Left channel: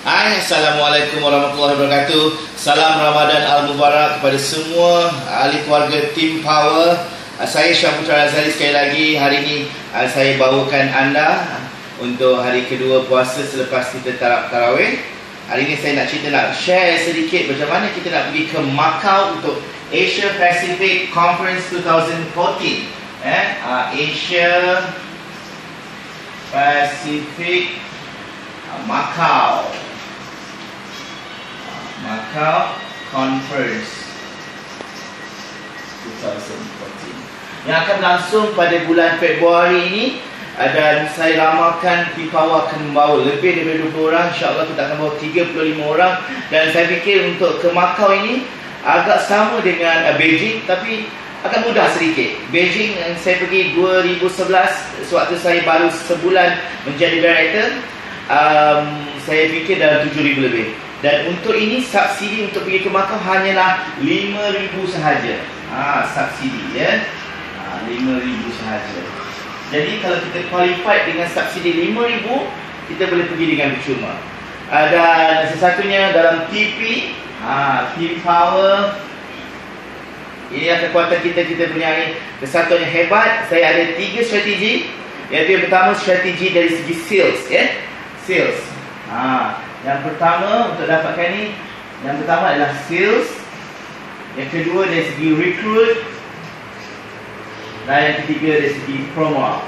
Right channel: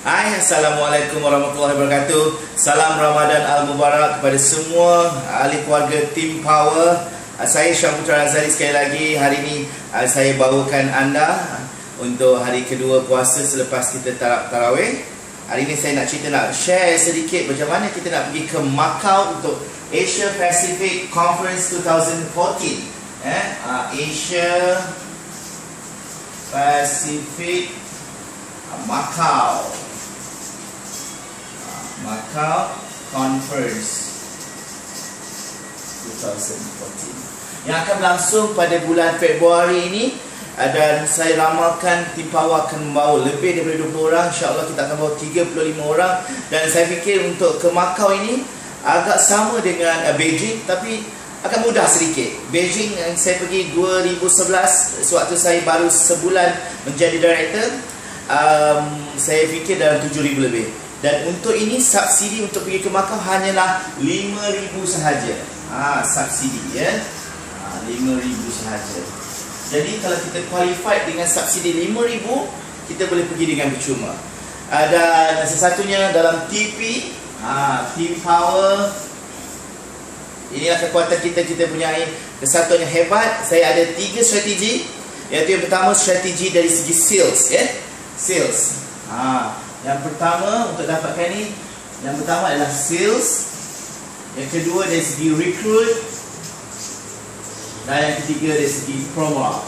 Hai, Assalamualaikum warahmatullahi wabarakatuh. Salam Ramadan Al-Mubarak kepada semua ahli keluarga Team Power. Ah, Saya Syah Putra Razali sekali lagi. Hari ini ah, saya bawakan anda Untuk hari kedua puasa selepas kita tarab tarawih. Hari ini saya nak cerita nak share sedikit Macam mana kita nak pergi ke Macau Untuk Asia Pacific Conference 2014 eh? Ah, Asia Pacific Macau Macau Conference 2014 yang akan berlangsung pada bulan Februari ini dan saya ramalkan tim power akan membawa lebih daripada 20 orang insyaAllah kita akan bawa 35 orang. Dan saya fikir untuk ke Macau ini agak sama dengan uh, Beijing tapi akan mudah sedikit. Beijing yang saya pergi 2011 sewaktu saya baru sebulan menjadi director. Um, saya fikir dalam 7,000 lebih dan untuk ini subsidi untuk pergi ke Macau hanyalah 5000 sahaja. Ha, subsidi ya. Ha, 5000 sahaja. Jadi kalau kita qualified dengan subsidi 5000, kita boleh pergi dengan percuma. Ha, dan sesatunya dalam TP, ha, Team Power ini adalah kekuatan kita kita punya persatuan yang hebat. Saya ada tiga strategi. Iaitu yang pertama strategi dari segi sales ya. Sales. Ha, yang pertama untuk dapatkan ni Yang pertama adalah sales Yang kedua dari segi recruit Dan yang ketiga dari segi promo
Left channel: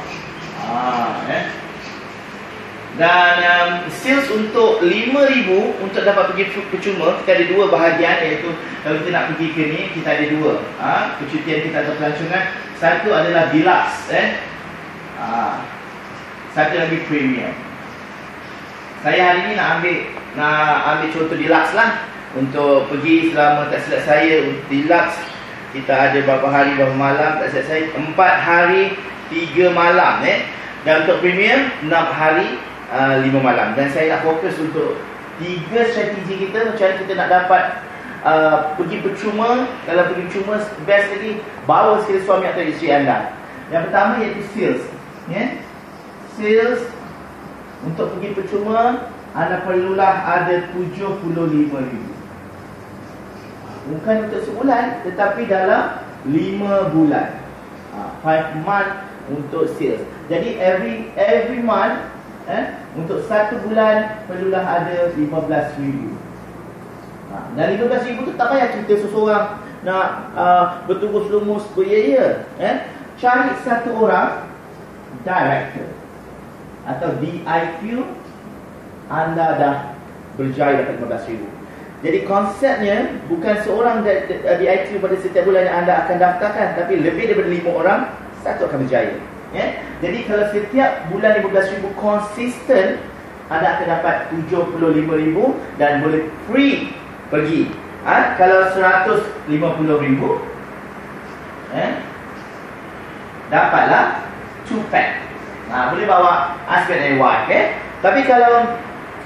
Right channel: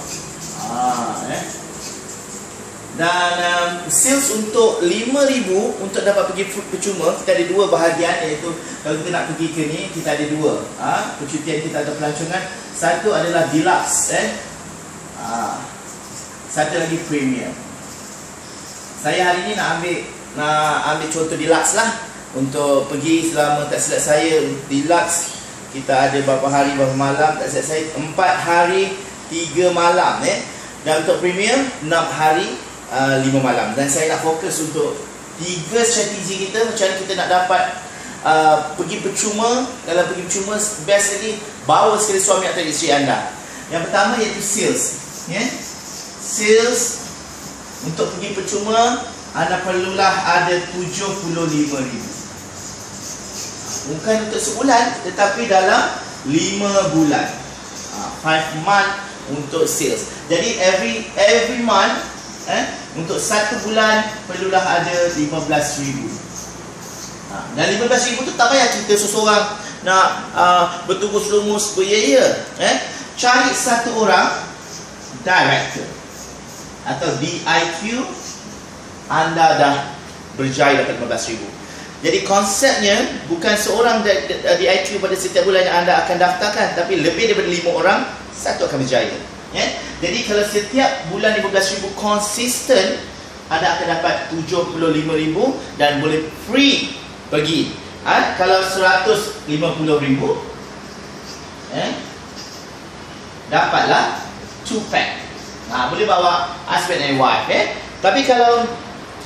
ah, eh. Dan um, sales untuk RM5,000 Untuk dapat pergi percuma Kita ada dua bahagian Iaitu kalau kita nak pergi ke ni Kita ada dua ha? Percutian kita atau pelancongan Satu adalah deluxe eh? ha. Satu lagi premium saya hari ni nak ambil nak ambil contoh deluxe lah. Untuk pergi selama tak silap saya deluxe. Kita ada berapa hari berapa malam tak silap saya. Empat hari tiga malam eh. Dan untuk premium enam hari uh, lima malam. Dan saya nak fokus untuk tiga strategi kita macam kita nak dapat uh, pergi percuma. Kalau pergi percuma best lagi bawa sekali suami atau isteri anda. Yang pertama iaitu sales yeah? sales untuk pergi percuma Anda perlulah ada RM75,000 Bukan untuk sebulan Tetapi dalam 5 bulan. 5 ha, month untuk sales. Jadi every every month eh, Untuk satu bulan Perlulah ada RM15,000 ha, Dan RM15,000 tu tak payah cerita seseorang Nak uh, bertugus lumus beria eh? Cari satu orang Director atau DIQ anda dah berjaya dapat 15 ribu. Jadi konsepnya bukan seorang DIQ pada setiap bulan yang anda akan daftarkan tapi lebih daripada 5 orang satu akan berjaya. Ya? Jadi kalau setiap bulan 15 ribu konsisten anda akan dapat 75 ribu dan boleh free pergi. Ha? Kalau 150 ribu eh? dapatlah 2 pack Ha, boleh bawa husband and wife eh. Tapi kalau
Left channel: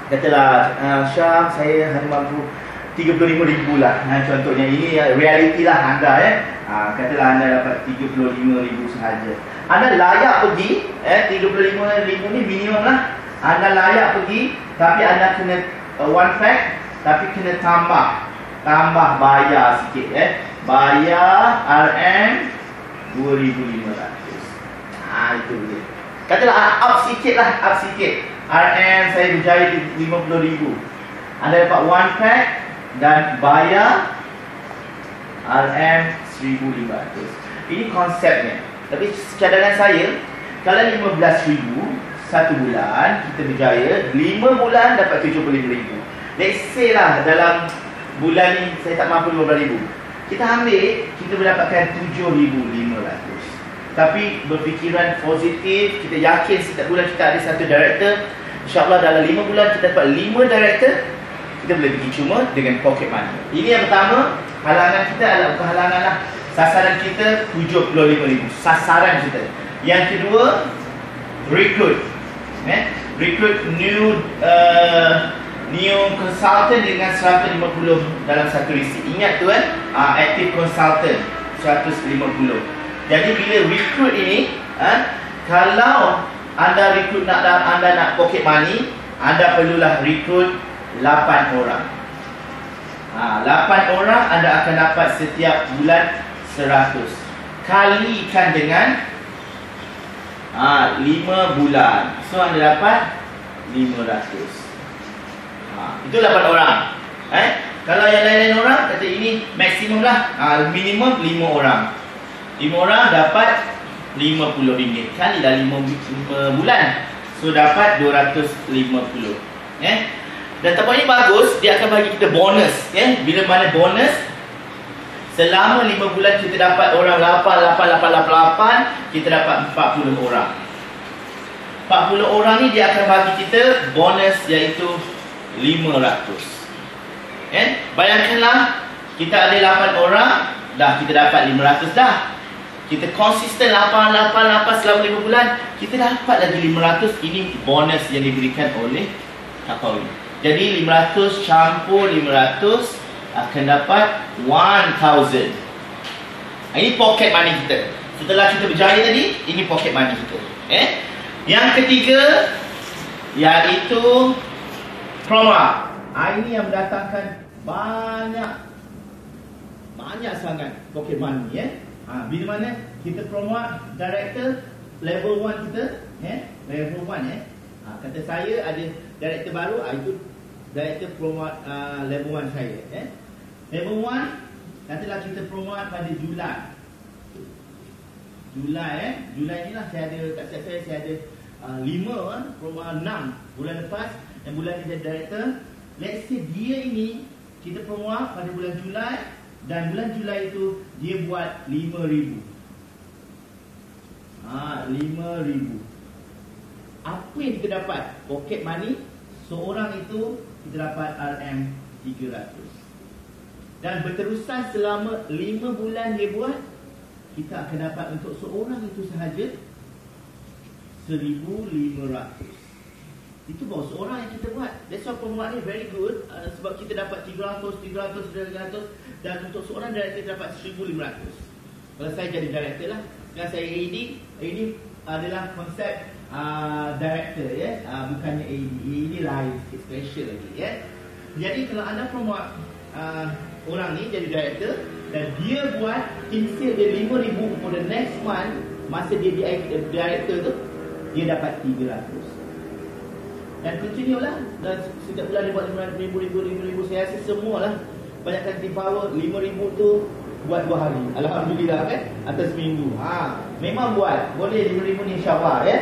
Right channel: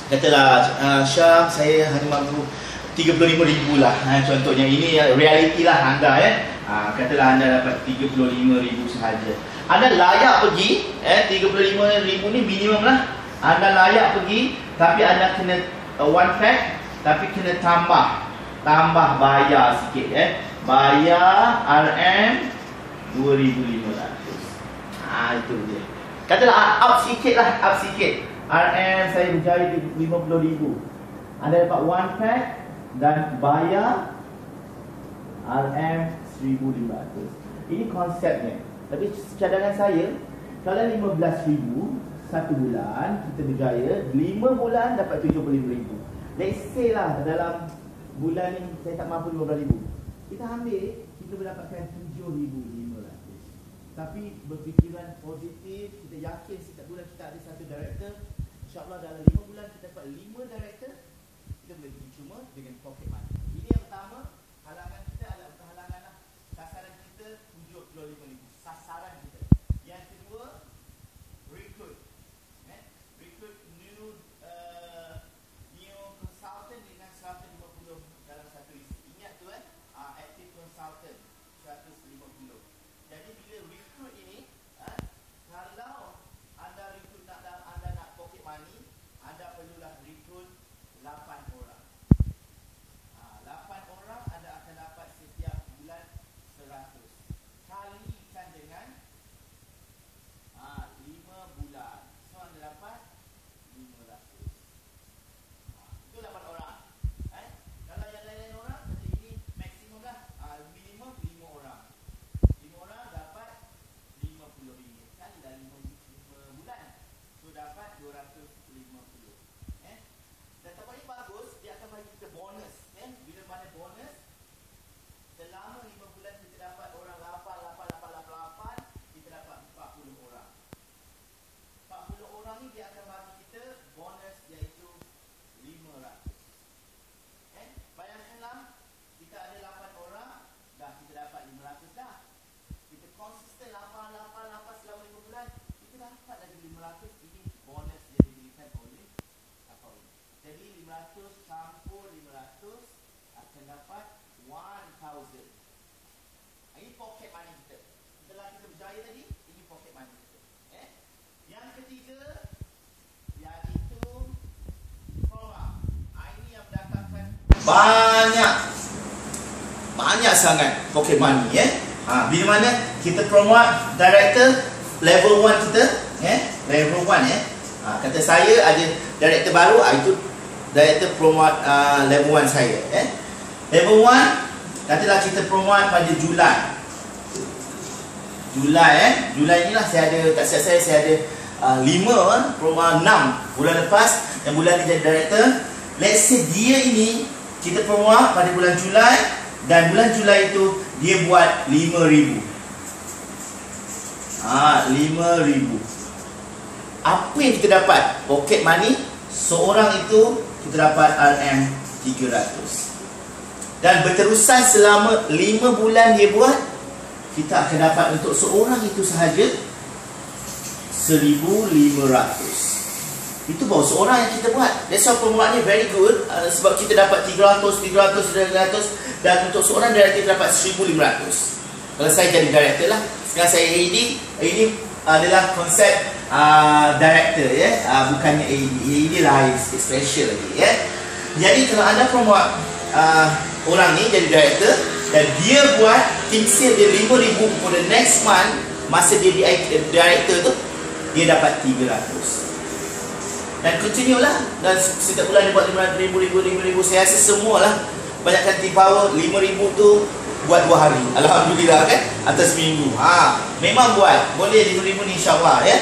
katalah uh, Syam saya hanya mampu 35 ribu lah ha, contohnya ini reality lah anda eh. Ha, katalah anda dapat 35 ribu sahaja. Anda layak pergi eh 35 ribu ni minimum lah. Anda layak pergi tapi anda kena uh, one pack tapi kena tambah tambah bayar sikit eh. Bayar RM 2500. Ah itu dia. Katalah up sikit lah, up sikit. RM saya berjaya di RM50,000. Anda dapat one pack dan bayar RM1,500. Ini konsepnya. Tapi cadangan saya, kalau RM15,000 satu bulan, kita berjaya, 5 bulan dapat RM75,000. Let's say lah dalam bulan ni saya tak mampu RM15,000. Kita ambil, kita mendapatkan RM7,500 tapi berfikiran positif kita yakin setiap bulan kita ada satu director. Insyaallah dalam lima bulan kita dapat lima director kita boleh pergi cuma dengan pocket money. Ini yang pertama halangan kita adalah bukan halangan lah. Sasaran kita 75,000 sasaran kita. Yang kedua recruit. Eh? recruit new uh, new consultant dengan 150 dalam satu isi ingat tu kan uh, active consultant 150 jadi bila recruit ini, ha, kalau anda recruit nak anda nak pocket money, anda perlulah recruit 8 orang. Ha, 8 orang anda akan dapat setiap bulan 100. Kalikan dengan ha, 5 bulan. So anda dapat 500. Ha, itu 8 orang. Eh? Kalau yang lain-lain orang kata ini maksimum lah. Ha, minimum 5 orang. 5 orang dapat RM50 kali dah 5, 5 bulan. So dapat 250. Eh? Dan tempat ini bagus, dia akan bagi kita bonus. Eh? Bila mana bonus, selama 5 bulan kita dapat orang 8, 8, 8, 8, 8, kita dapat 40 orang. 40 orang ni dia akan bagi kita bonus iaitu 500. Eh? Bayangkanlah, kita ada 8 orang, dah kita dapat 500 dah. Kita konsisten 8, 8, 8 selama 5 bulan, kita dapat lagi 500. Ini bonus yang diberikan oleh Kakawi. Jadi 500 campur 500 akan dapat 1000. Ini pocket money kita. Setelah kita berjaya tadi, ini pocket money kita. Eh? Yang ketiga iaitu promo. Ini yang mendatangkan banyak banyak sangat pocket money eh. Ha, bila mana kita promote director level 1 kita, eh? Level 1 eh. Ha, kata saya ada director baru, ha, itu director promote uh, level 1 saya, eh. Level 1 katalah kita promote pada Julai. Julai eh. Julai inilah saya ada tak siap saya saya ada uh, 5 eh, promote 6 bulan lepas dan bulan ni jadi director. Let's say dia ini kita promote pada bulan Julai dan bulan Julai itu dia buat 5000. Ah, ha, 5000. Apa yang kita dapat? Pocket money seorang itu kita dapat RM 300. Dan berterusan selama 5 bulan dia buat kita akan dapat untuk seorang itu sahaja 1500. Itu baru seorang yang kita buat. That's why pemuat ni very good. Uh, sebab kita dapat 300, 300, 300. Dan untuk seorang director kita dapat 1500. Kalau saya jadi director lah. Sekarang saya AD. Ini adalah konsep uh, director ya. Uh, bukannya AD. AD lain. Special lagi ya. Jadi kalau anda pemuat uh, orang ni jadi director. Dan dia buat team sale dia 5000 for the next month. Masa dia di director tu. Dia dapat 300. Dan continue lah. Dan setiap bulan dia buat RM5,000, RM5,000, RM5,000 Saya rasa semua lah Banyakkan team power. RM5,000 tu Buat dua hari. Alhamdulillah kan? Atas minggu. Ha, Memang buat. Boleh RM5,000 ni insyaAllah ya?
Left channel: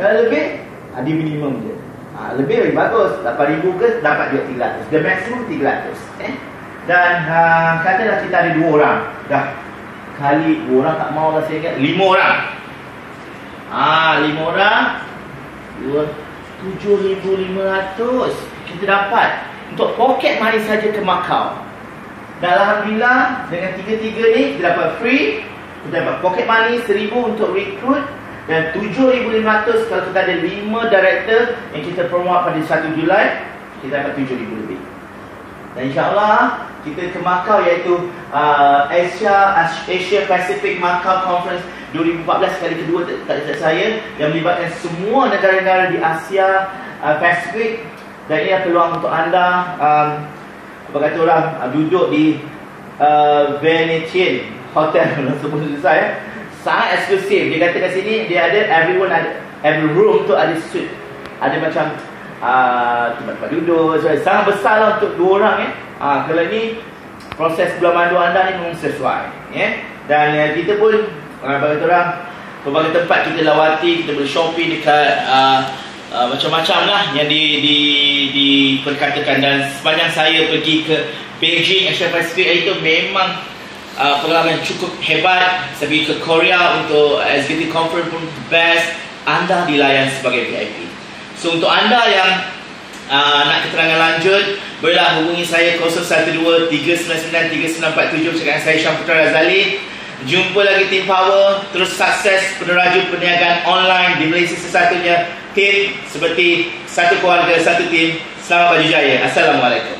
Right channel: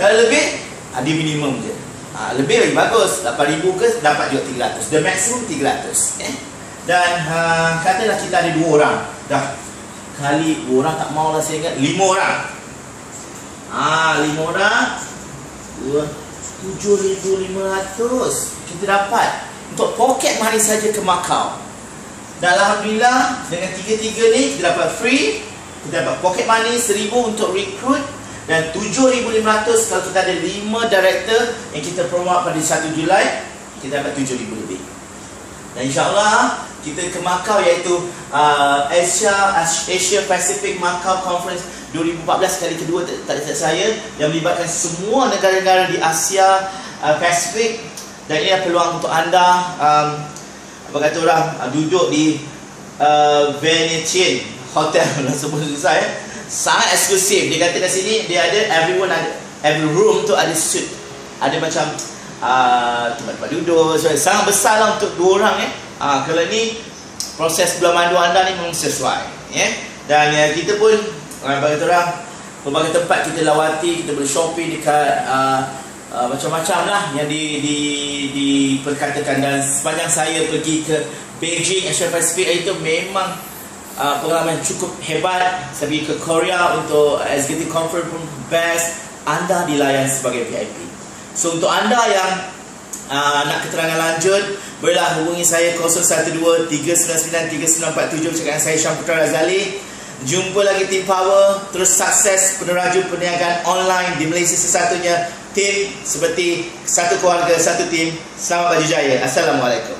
Kalau lebih ha, Dia minimum je. Ha, Lebih lagi bagus. RM8,000 ke Dapat juga RM300 The maximum RM300 eh? Dan ha, Katalah kita ada dua orang. Dah Kali dua orang tak mau lah saya ingat. Lima orang. Ah, lima orang. Dua 7,500 kita dapat untuk poket money saja ke Macau. Dan Alhamdulillah dengan tiga-tiga ni kita dapat free, kita dapat poket money 1,000 untuk recruit dan 7,500 kalau kita ada 5 director yang kita promote pada 1 Julai, kita dapat 7,000 lebih. Dan insyaAllah kita ke Macau iaitu uh, Asia Asia Pacific Macau Conference 2014 kali kedua tak tak saya yang melibatkan semua negara-negara di Asia uh, Pasifik dan ini peluang untuk anda um, apa kata orang uh, duduk di uh, Venetian Hotel. Sebut saya sangat eksklusif. Dia kata kat sini dia ada everyone ada every room tu ada suite. Ada macam uh, tempat-tempat duduk so, sangat besar lah untuk dua orang eh. uh, kalau ini proses bulan mandu anda ni memang sesuai yeah? dan uh, kita pun uh, bagi orang pelbagai tempat kita lawati kita boleh shopping dekat uh, uh, macam-macam lah. Yang di, di, diperkatakan dan sepanjang saya pergi ke Beijing Asia Pacific itu memang uh, pengalaman cukup hebat. Saya pergi ke Korea untuk executive conference pun best. Anda dilayan sebagai VIP so untuk anda yang uh, nak keterangan lanjut bolehlah hubungi saya 012 399 3947 cakap saya Syamputra Razali. Jumpa lagi Team Power Terus sukses peneraju perniagaan online Di Malaysia sesatunya. Tim seperti satu keluarga, satu tim. Selamat baju jaya. Assalamualaikum